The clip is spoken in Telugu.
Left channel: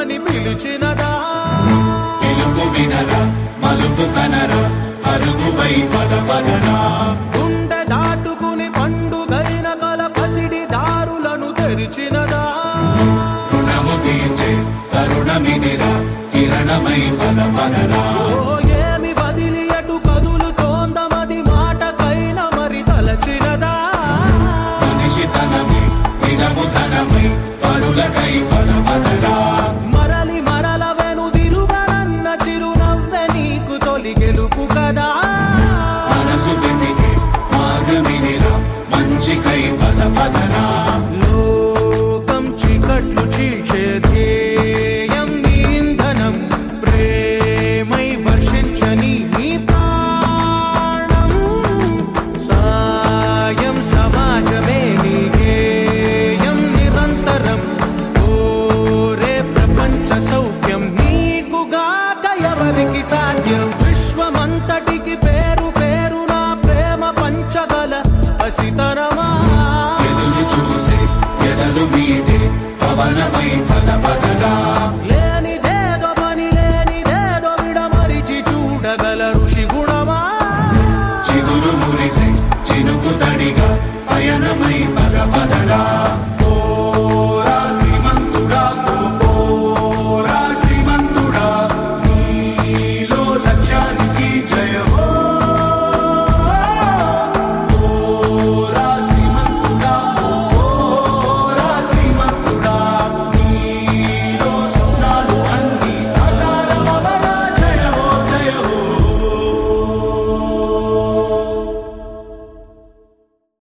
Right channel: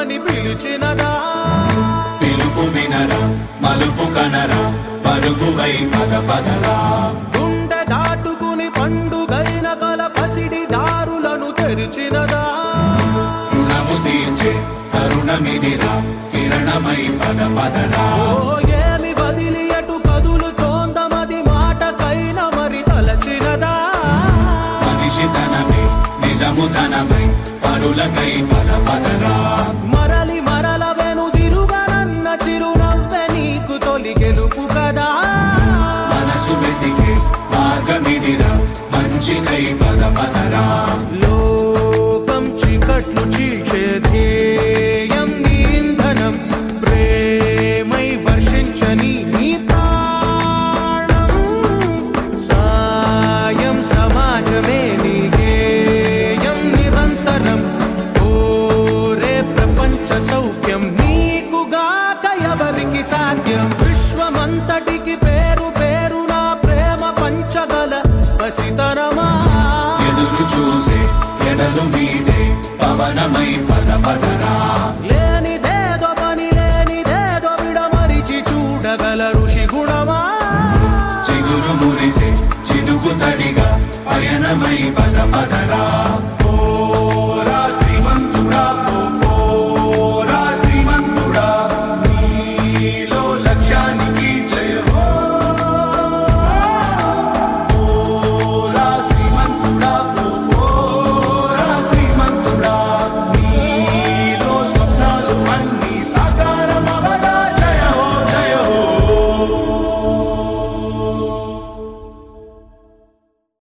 రమ్మని పిలిచినదా పిలుపు వినరా మలుపు కనరా పరుగువై పద పదరా గుండె దాటుకుని పండుగైన కల పసిడి దారులను తెరిచినదా రుణము తీర్చే తరుణమిదిరా కిరణమై పద పదరా ఏమి వదిలి ఎటు కదులుతోందమది మాటకైన మరి తలచినదా మనిషితనమే నిజముతనమై పరులకై పద పదరా మరలి మరల వెనుదిరుగనన్న చిరునవ్వె నీకు తొలి గెలుపు కదా మనసు వెతికే మార్గమిదిరా మంచికై పద పదరా లోకం చీకట్లు చీల్చే ధ్యేయం నీ ఇంధనం ప్రేమై వర్షించని నీ ప్రాణం సాయం సమాజమే నీ గేయం నిరంతరం ఓరే ప్రపంచ సౌఖ్యం నీకుగాక ఎవరికి సాధ్యం విశ్వమంతటికి పేరు పేరు నా ప్రేమ పంచగల పసితరమా ఎదురు చూసే ఎదలు మీడే పవనమై పద పదరా లేనిదేదో పని లేనిదేదో విడమరిచి చూడగల ఋషి గుణమా చిగురు మురిసే చినుకు తడిగా పయనమై పద పదరా